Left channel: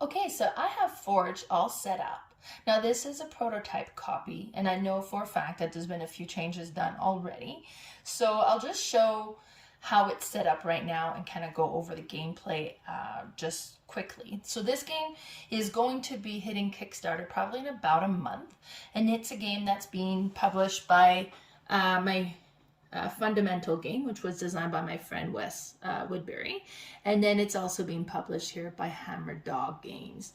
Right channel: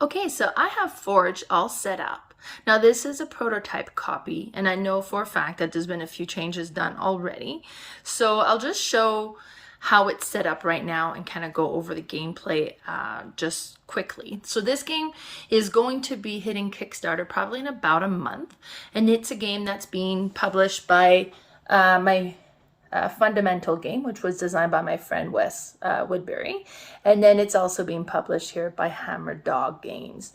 Okay, so I have Forge all set up. Now this is a prototype copy, and I know for a fact that there's been a few changes done already. So I'll just show how it's set up right now and kind of go over the gameplay just quickly. So this game is going to be hitting Kickstarter probably in about a month, and it's a game that's being published by my fundamental game, which was designed by my friend Wes Woodbury, and then it's also being published here by Hammerdog games.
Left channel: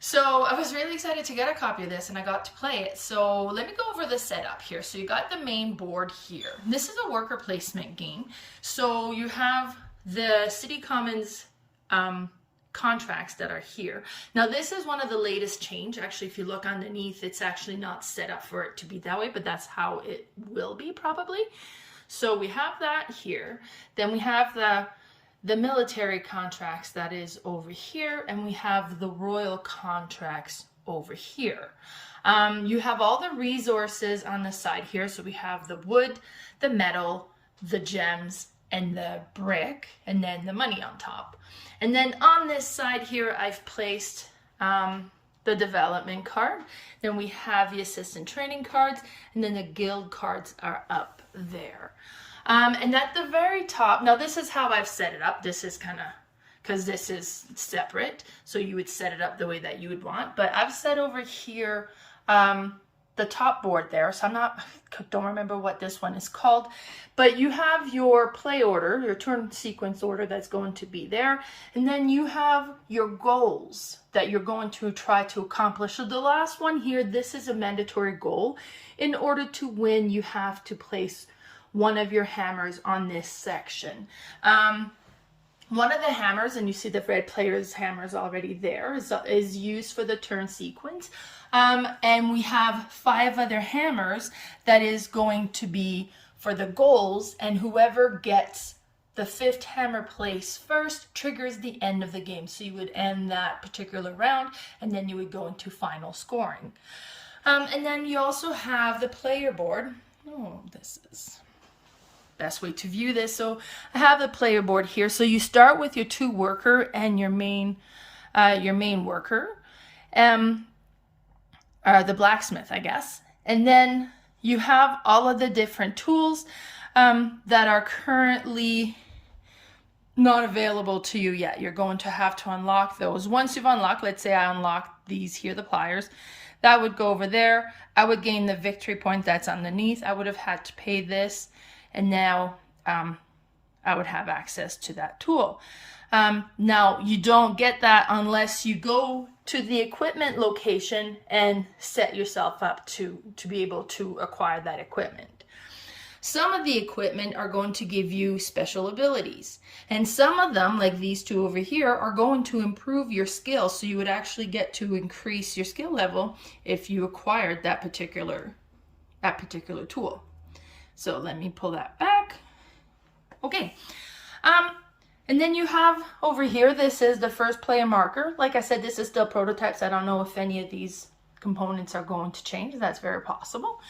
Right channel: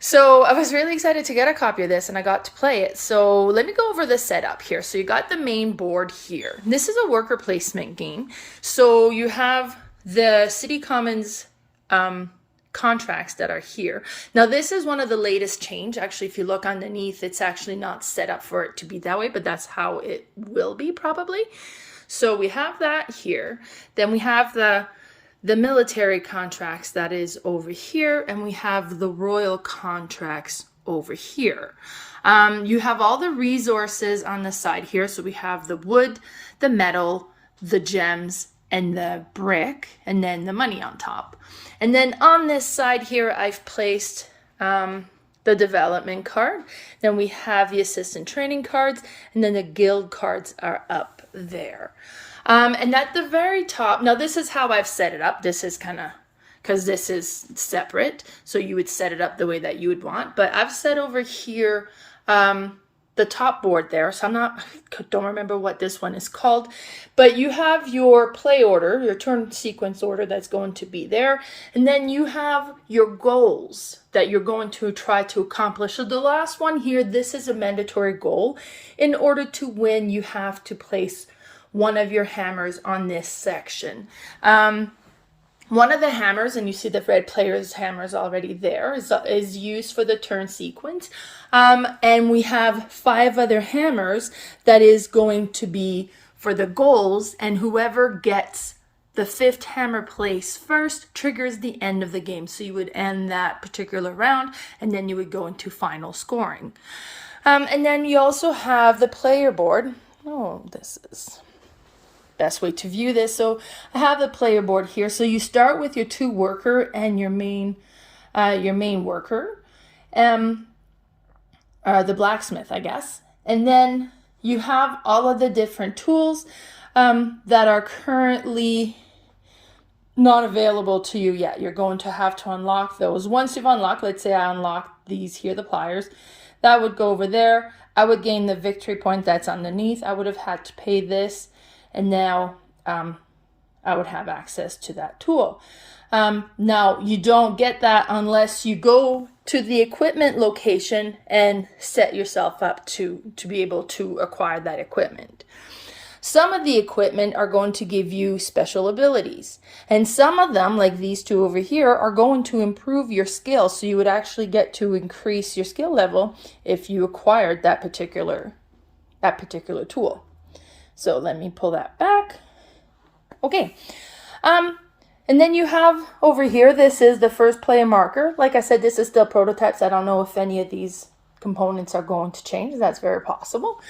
So I was really excited to get a copy of this, and I got to play it. So let me go over the setup here. So you got the main board here. This is a worker placement game. So you have the City Commons contracts that are here. Now this is one of the latest change. Actually, if you look underneath, it's actually not set up for it to be that way, but that's how it will be probably. So we have that here. Then we have the military contracts that is over here, and we have the royal contracts over here. You have all the resources on the side here. So we have the wood, the metal, the gems, and the brick, and then the money on top. And then on this side here, I've placed the development card. Then we have the assistant training cards, and then the guild cards are up there. And at the very top, now this is how I've set it up. This is kind of, because this is separate, so you would set it up the way that you would want. But I've set over here the top board there, so don't remember what this one is called, but you have your play order, your turn sequence order that's going to be there, and then you have your goals that you're going to try to accomplish. So the last one here, this is a mandatory goal. In order to win, you have to place one of your hammers on this section. One of the hammers, and you see the red player's hammer is already there, is used for the turn sequence. And we have 5 other hammers that is going to be for the goals, and whoever gets the 5th hammer placed first triggers the end of the game. So you would end that particular round, and then you would go into final scoring. And then you also have the player board. Oh, this is best way to view this. So I have the player board here. So you start with your 2 worker and your main worker, the blacksmith, I guess. And then you have all of the different tools that are currently not available to you yet. You're going to have to unlock those. Once you've unlocked, let's say I unlocked these here, the pliers, that would go over there. I would gain the victory point that's underneath. I would have had to pay this, and now I would have access to that tool. Now, you don't get that unless you go to the equipment location and set yourself up to be able to acquire that equipment. Some of the equipment are going to give you special abilities, and some of them, like these 2 over here, are going to improve your skill. So you would actually get to increase your skill level if you acquired that particular tool. So let me pull that back. Okay. And then you have over here, this is the first player marker. Like I said, this is still prototypes. I don't know if any of these components are going to change. That's very possible.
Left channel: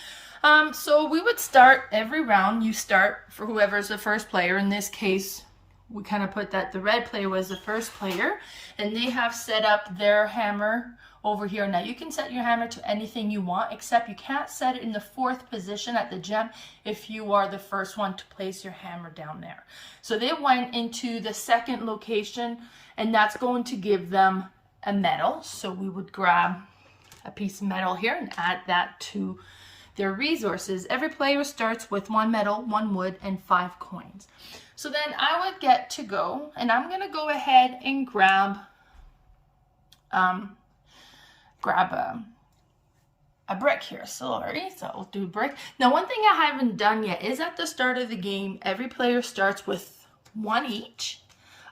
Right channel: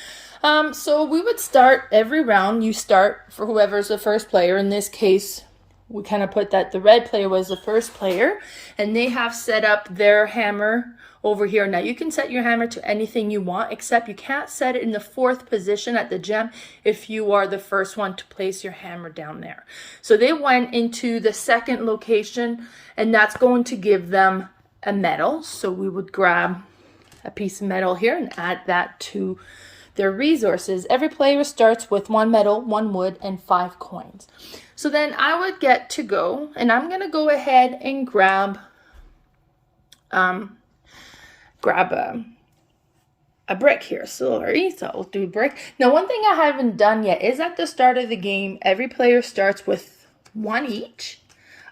So we would start every round. You start for whoever's the first player. In this case, we kind of put that the red player was the first player, and they have set up their hammer over here. Now you can set your hammer to anything you want, except you can't set it in the 4th position at the gem if you are the first one to place your hammer down there. So they went into the 2nd location, and that's going to give them a medal. So we would grab a piece of metal here and add that to their resources. Every player starts with 1 metal, 1 wood, and 5 coins. So then I would get to go, and I'm going to go ahead and grab a brick here. Sorry, so we'll do a brick. Now, one thing I haven't done yet is at the start of the game, every player starts with 1 each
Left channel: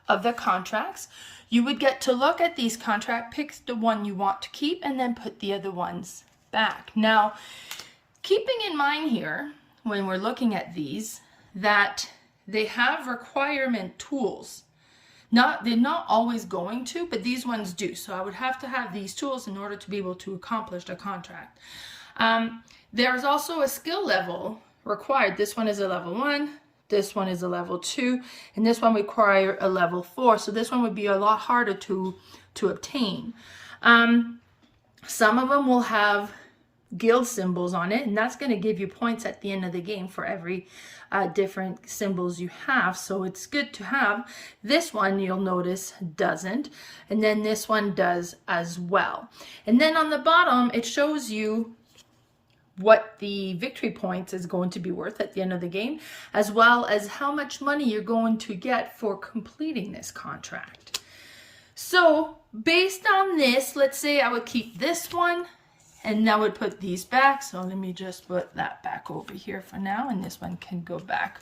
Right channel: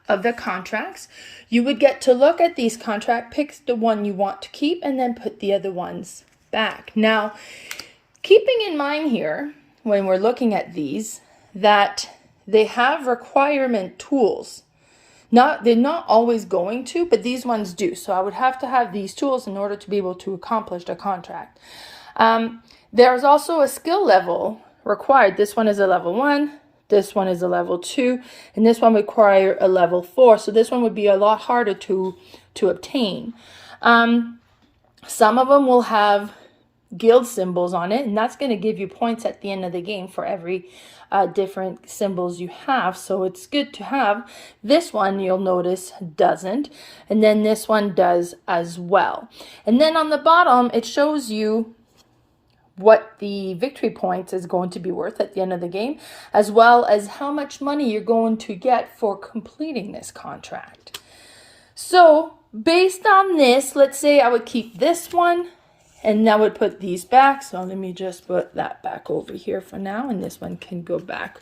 of the contracts. You would get to look at these contracts, pick the one you want to keep, and then put the other ones back. Now, keeping in mind here, when we're looking at these, that they have requirement tools. They're not always going to, but these ones do. So I would have to have these tools in order to be able to accomplish the contract. There's also a skill level required. This one is a level 1. This one is a level 2, and this one would require a level 4. So this one would be a lot harder to obtain. Some of them will have guild symbols on it, and that's going to give you points at the end of the game for every different symbols you have. So it's good to have. This one, you'll notice, doesn't, and then this one does as well. And then on the bottom, it shows you what the victory points is going to be worth at the end of the game, as well as how much money you're going to get for completing this contract. So based on this, let's say I would keep this one, and I would put these back. So let me just put that back over here for now, and this one can go back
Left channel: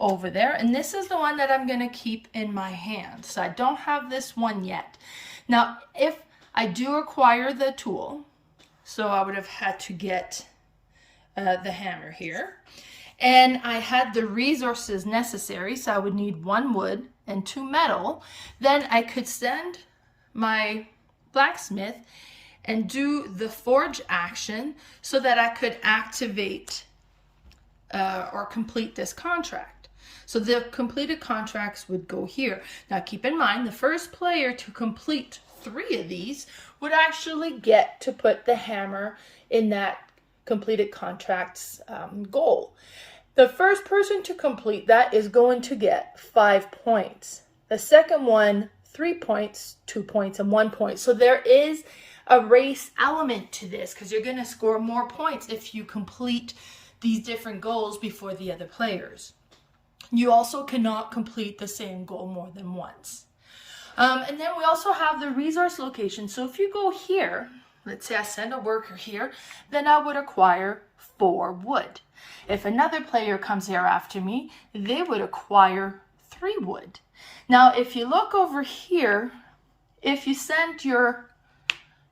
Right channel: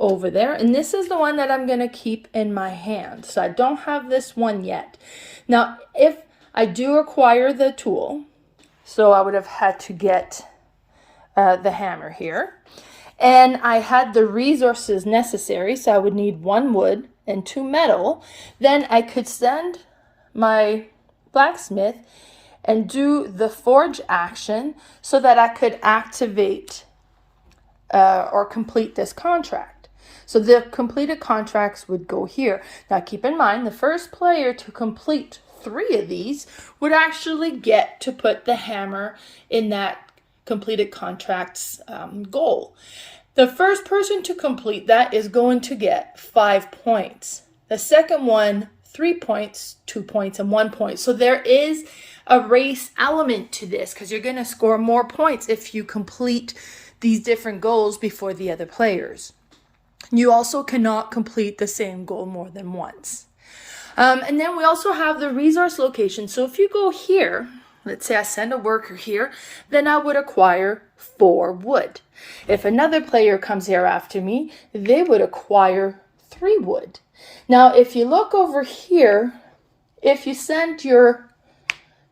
over there. And this is the one that I'm going to keep in my hand. So I don't have this one yet. Now, if I do acquire the tool, so I would have had to get the hammer here, and I had the resources necessary, so I would need 1 wood and 2 metal, then I could send my blacksmith and do the forge action so that I could activate or complete this contract. So the completed contracts would go here. Now keep in mind, the first player to complete 3 of these would actually get to put the hammer in that completed contracts goal. The first person to complete that is going to get 5 points. The second one, 3 points, 2 points, and 1 point. So there is a race element to this because you're going to score more points if you complete these different goals before the other players. You also cannot complete the same goal more than once. And then we also have the resource location. So if you go here, let's say I send a worker here, then I would acquire 4 wood. If another player comes here after me, they would acquire 3 wood. Now, if you look over here, if you send your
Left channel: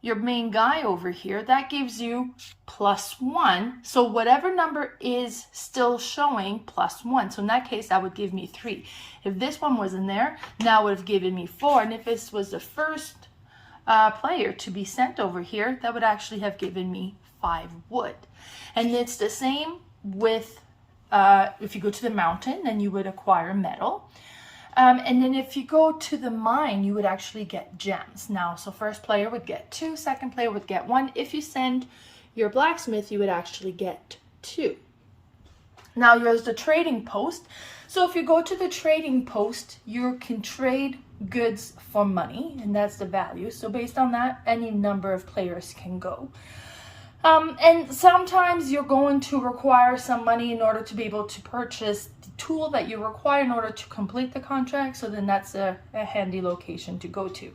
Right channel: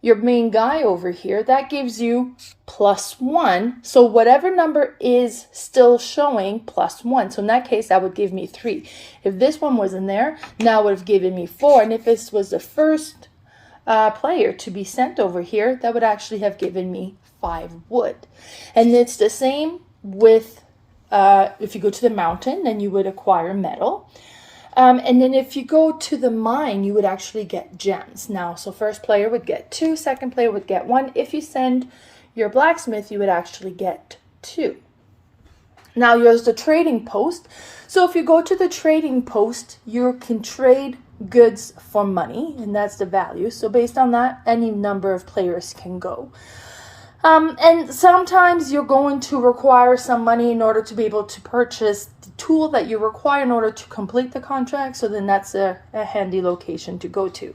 main guy over here, that gives you +1. So whatever number is still showing +1. So in that case, that would give me 3. If this one wasn't there, now it would have given me 4. And if this was the first player to be sent over here, that would actually have given me 5 wood. And it's the same with if you go to the mountain, then you would acquire metal. And then if you go to the mine, you would actually get gems. Now, so first player would get 2, second player would get 1. If you send your blacksmith, you would actually get 2. Now, here's the trading post. So if you go to the trading post, you can trade goods for money, and that's the value. So based on that, any number of players can go. And sometimes you're going to require some money in order to be able to purchase the tool that you require in order to complete the contract. So then that's a handy location to go to.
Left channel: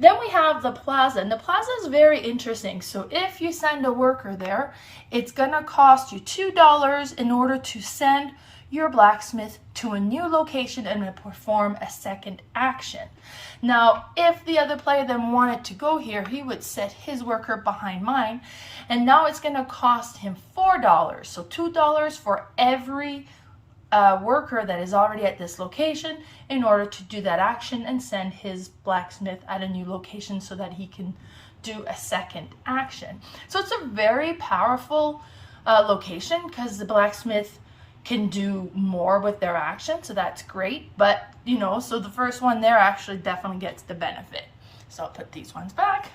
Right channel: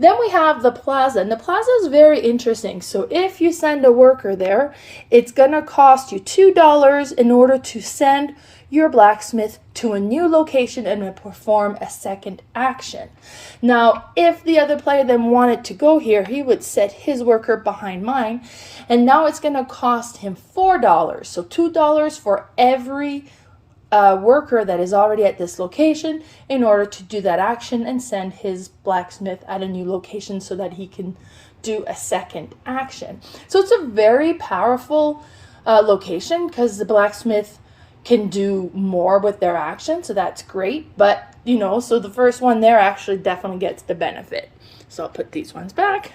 Then we have the plaza, and the plaza is very interesting. So if you send a worker there, it's going to cost you $2 in order to send your blacksmith to a new location and perform a second action. Now, if the other player then wanted to go here, he would set his worker behind mine, and now it's going to cost him $4. So $2 for every worker that is already at this location in order to do that action and send his blacksmith at a new location so that he can do a second action. So it's a very powerful location because the blacksmith can do more with their action, so that's great. But you know, so the first one there actually definitely gets the benefit. So I'll put these ones back.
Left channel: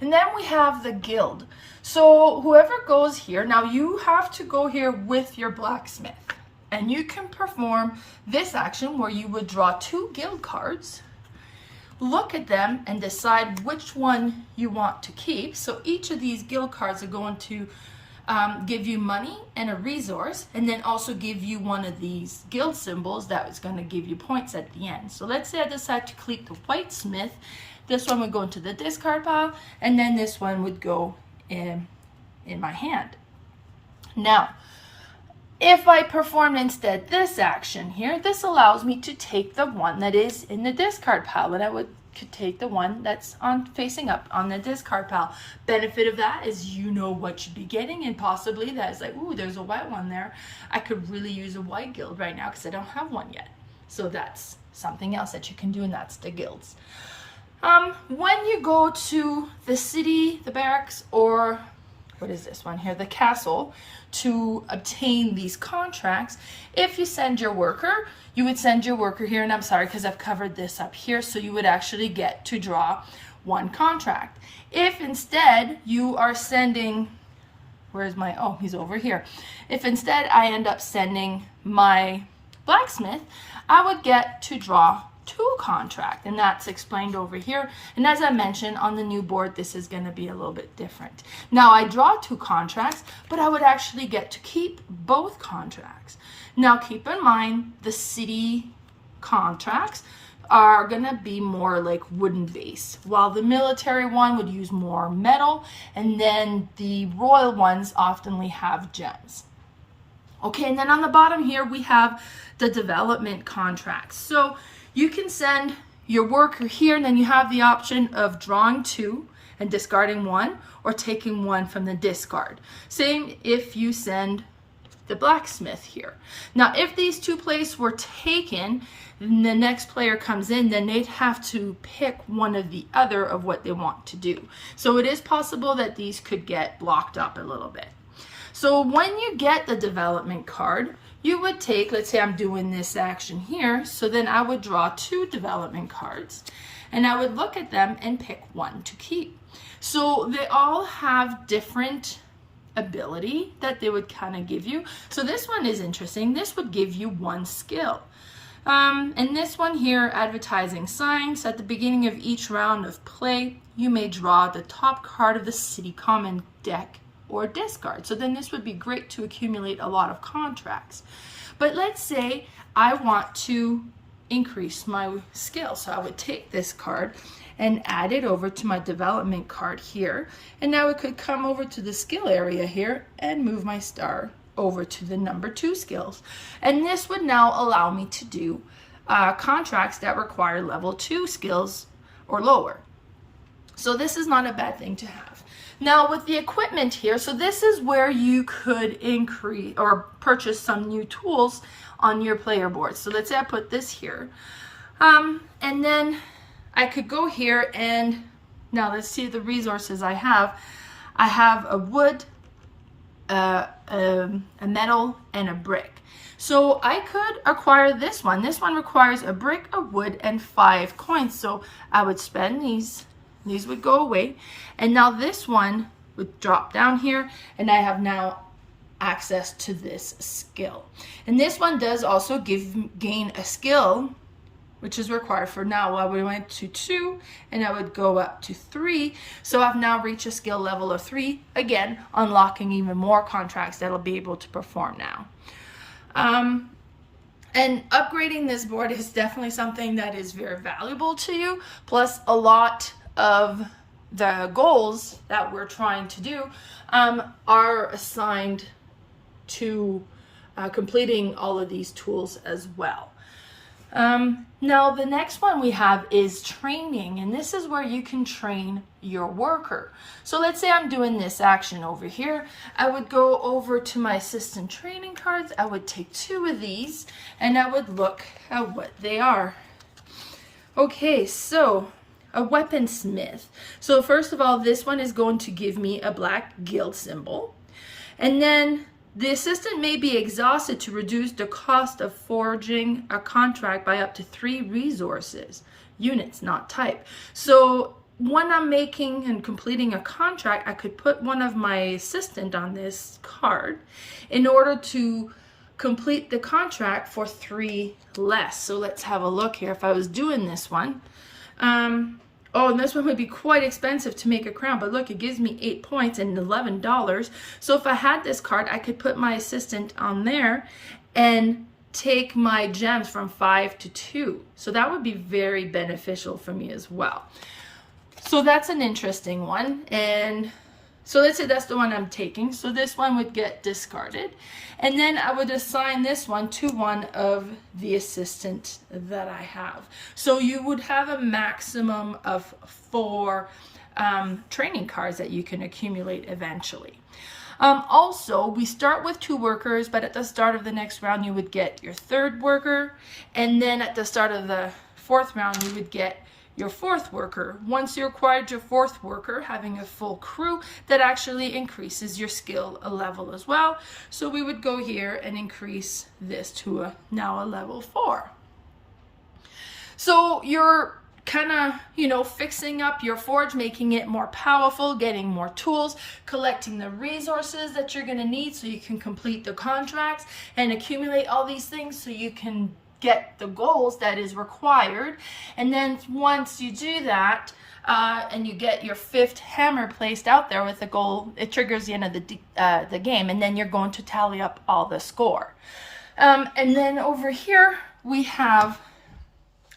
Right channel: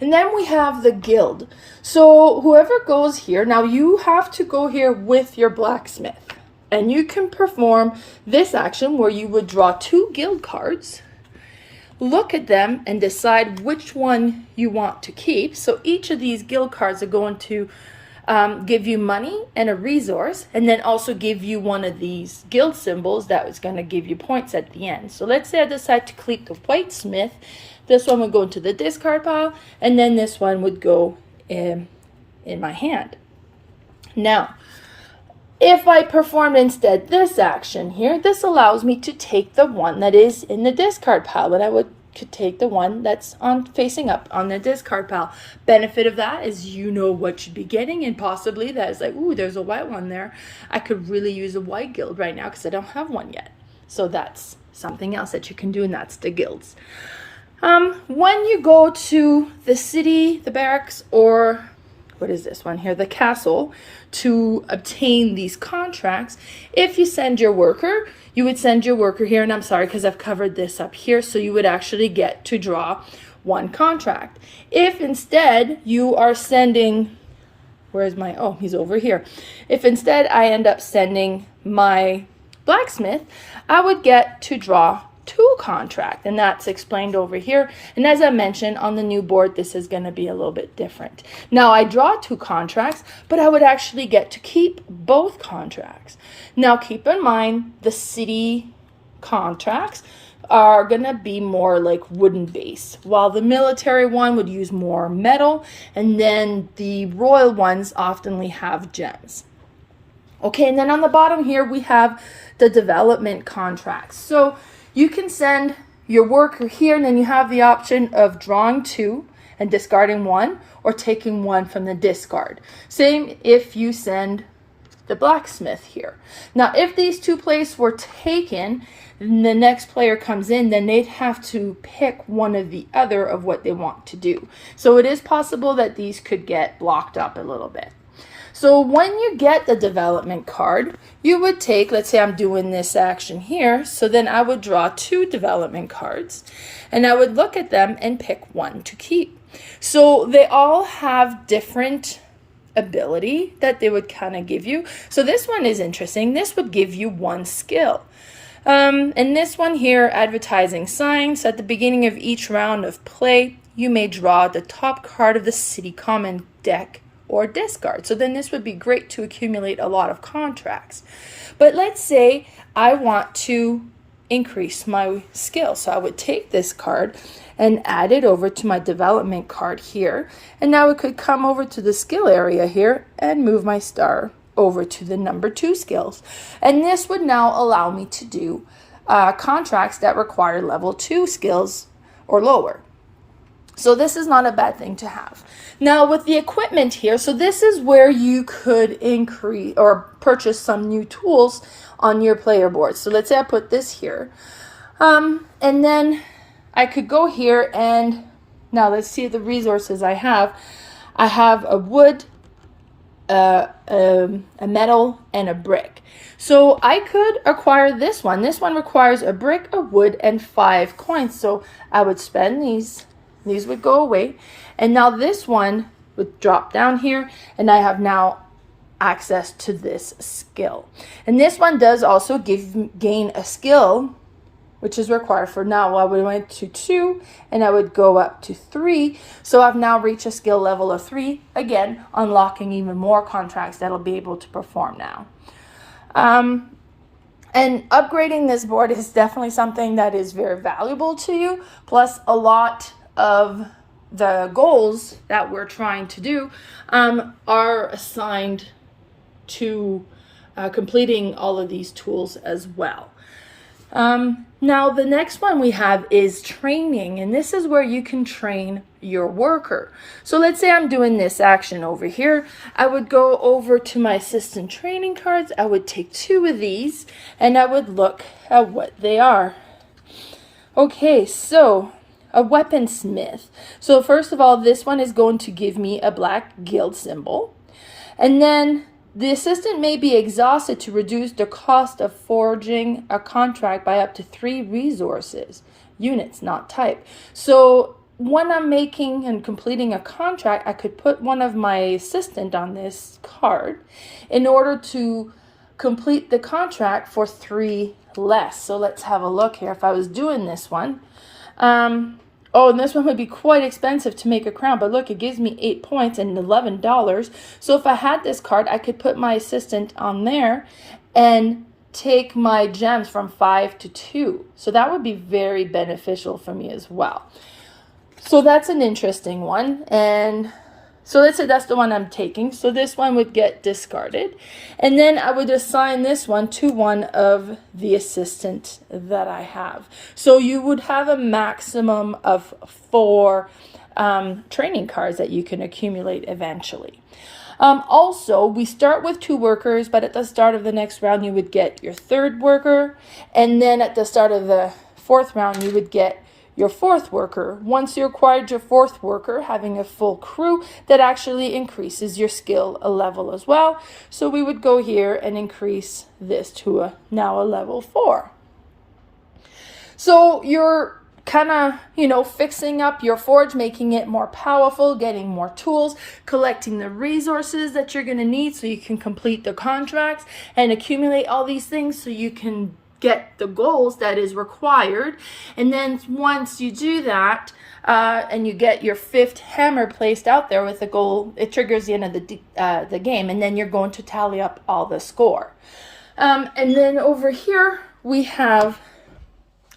And then we have the guild. So whoever goes here, now you have to go here with your blacksmith, and you can perform this action where you would draw 2 guild cards, look at them, and decide which one you want to keep. So each of these guild cards are going to give you money and a resource, and then also give you one of these guild symbols that was going to give you points at the end. So let's say I decide to keep the whitesmith. This one would go into the discard pile, and then this one would go in my hand. Now, if I perform instead this action here, this allows me to take the one that is in the discard pile, and I could take the one that's facing up on the discard pile. Benefit of that is you know what you'd be getting, and possibly that is like, ooh, there's a white one there. I could really use a white guild right now because I don't have one yet. So that's something else that you can do, and that's the guilds. When you go to the city, the barracks, or what is this one here, the castle, to obtain these contracts. If you send your worker, you would send your worker here, and I'm sorry because I've covered this up here, so you would actually get to draw one contract. If instead you are sending, where's my, oh, he's over here. If instead I end up sending my blacksmith, I would get to draw two contract, and that's explained over here. And as I mentioned, on the new board, this is going to be a little bit different. Now I draw two contracts, but I would actually get to keep both contracts. Now keep in mind, the city contracts are going to be more like wooden base, while the military one would use more metal, and then the royal ones oftenly have gems. Okay, and then on the bottom here we have the development contracts. So you can send your worker here, and then you have the option of drawing two and discarding one, or taking one from the discard. Same if you send the blacksmith here. Now, if these two places were taken, and the next player comes in, then they'd have to pick one of the other of what they want to do. So it is possible that these could get blocked up a little bit. So when you get the development card, you would take, let's say I'm doing this action here, so then I would draw two development cards, and I would look at them and pick one to keep. So they all have different ability that they would kind of give you. So this one is interesting. This would give you one skill. And this one here, advertising signs. At the beginning of each round of play, you may draw the top card of the city common deck or discard. So then this would be great to accumulate a lot of contracts. But let's say I want to increase my skill. So I would take this card and add it over to my development card here. And now it could come over to the skill area here and move my star over to the number 2 skills. And this would now allow me to do contracts that require level 2 skills or lower. So this is not a bad thing to have. Now with the equipment here, so this is where you could increase or purchase some new tools on your player board. So let's say I put this here. And then I could go here and now let's see the resources I have. I have a wood, a metal, and a brick. So I could acquire this one. This one requires a brick, a wood, and 5 coins. So I would spend these. These would go away. And now this one would drop down here, and I have now access to this skill. And this one does also gain a skill, which is required for now. I would went to 2, and I would go up to 3. So I've now reached a skill level of 3, again, unlocking even more contracts that I'll be able to perform now. And upgrading this board is definitely something that is very valuable to you. Plus, a lot of the goals that we're trying to do are assigned to completing all of these tools as well. Now the next one we have is training, and this is where you can train your worker. So let's say I'm doing this action over here. I would go over to my assistant training cards. I would take 2 of these and I would look at what they are. Okay, so a weaponsmith. So first of all, this one is going to give me a black guild symbol. And then the assistant may be exhausted to reduce the cost of forging a contract by up to 3 resources. Units, not type. So when I'm making and completing a contract, I could put one of my assistant on this card in order to complete the contract for 3 less. So let's have a look here. If I was doing this one, oh, and this one would be quite expensive to make a crown, but look, it gives me 8 points and $11. So if I had this card, I could put my assistant on there and take my gems from 5 to 2. So that would be very beneficial for me as well. So that's an interesting one. And so let's say that's the one I'm taking. So this one would get discarded. And then I would assign this one to one of the assistants that I have. So you would have a maximum of 4 training cards that you can accumulate eventually. Also, we start with 2 workers, but at the start of the next round, you would get your 3rd worker. And then at the start of the 4th round, you would get your fourth worker. Once you acquired your fourth worker, having a full crew, that actually increases your skill a level as well. So we would go here and increase this to now a level 4. So you're kind of, fixing up your forge, making it more powerful, getting more tools, collecting the resources that you're going to need so you can complete the contracts and accumulate all these things so you can get the goals that is required. And then once you do that, and you get your 5th hammer placed out there with the goal, it triggers the end of the game, and then you're going to tally up all the score. And then over here we have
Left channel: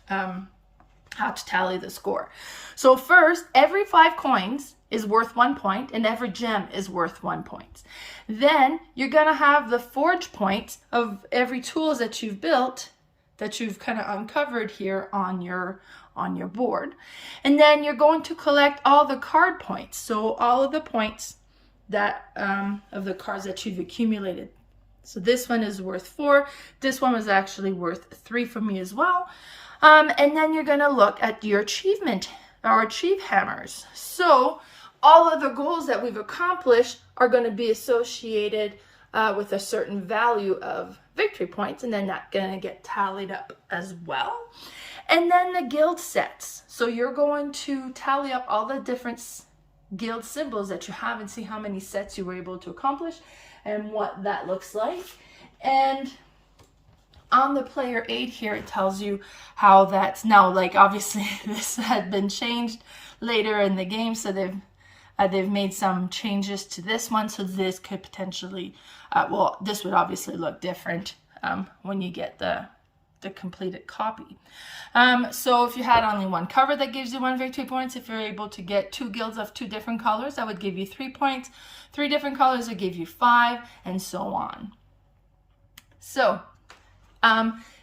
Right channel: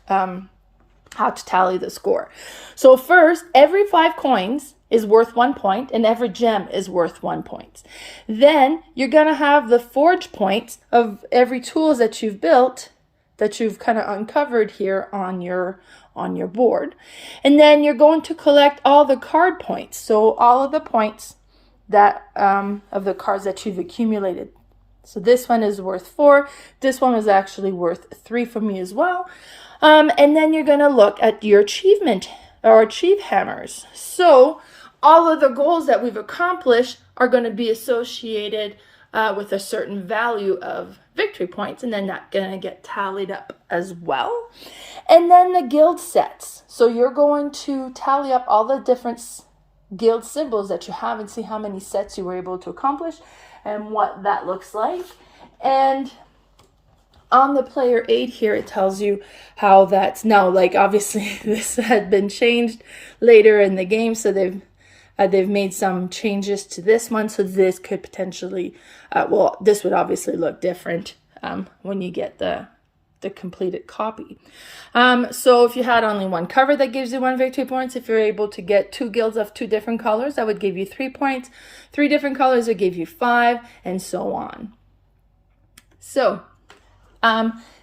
how to tally the score. So first, every 5 coins is worth 1 point, and every gem is worth 1 point. Then you're gonna have the forge points of every tools that you've built, that you've kind of uncovered here on your board. And then you're going to collect all the card points. So all of the points that of the cards that you've accumulated. So this one is worth 4. This one was actually worth 3 for me as well. And then you're going to look at your achievement or achieve hammers. So all of the goals that we've accomplished are going to be associated with a certain value of victory points, and then that's going to get tallied up as well. And then the guild sets. So you're going to tally up all the different guild symbols that you have and see how many sets you were able to accomplish and what that looks like. And on the player aid here, it tells you how that's now, like, obviously this had been changed later in the game, so they've made some changes to this one, so this could potentially, this would obviously look different when you get the completed copy. So if you had only one cover, that gives you 1 victory points. If you're able to get 2 guilds of 2 different colors, that would give you 3 points. 3 different colors would give you 5, and so on. So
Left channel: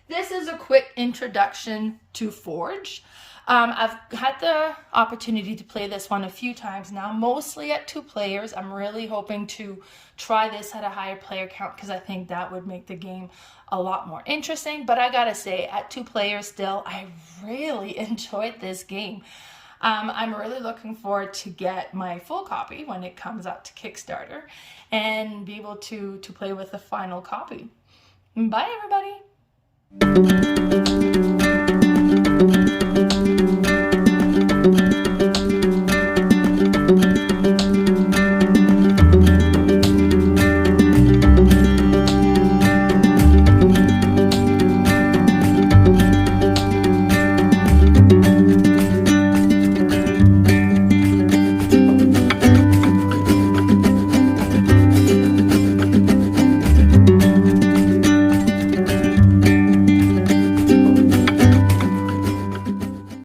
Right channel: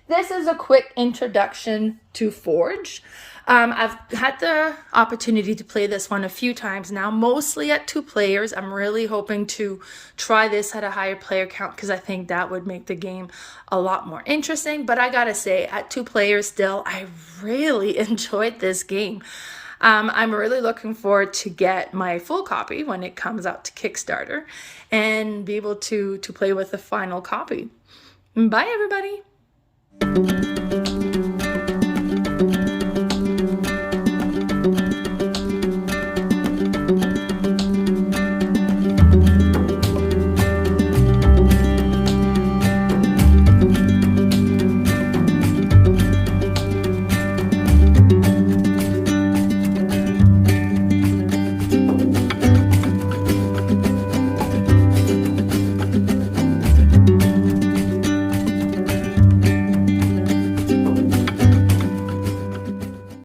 this is a quick introduction to Forge. I've had the opportunity to play this one a few times now, mostly at 2 players. I'm really hoping to try this at a higher player count because I think that would make the game a lot more interesting. But I gotta say, at 2 players still, I really enjoyed this game. I'm really looking forward to get my full copy when it comes out to Kickstarter and be able to play with the final copy. Bye, everybody.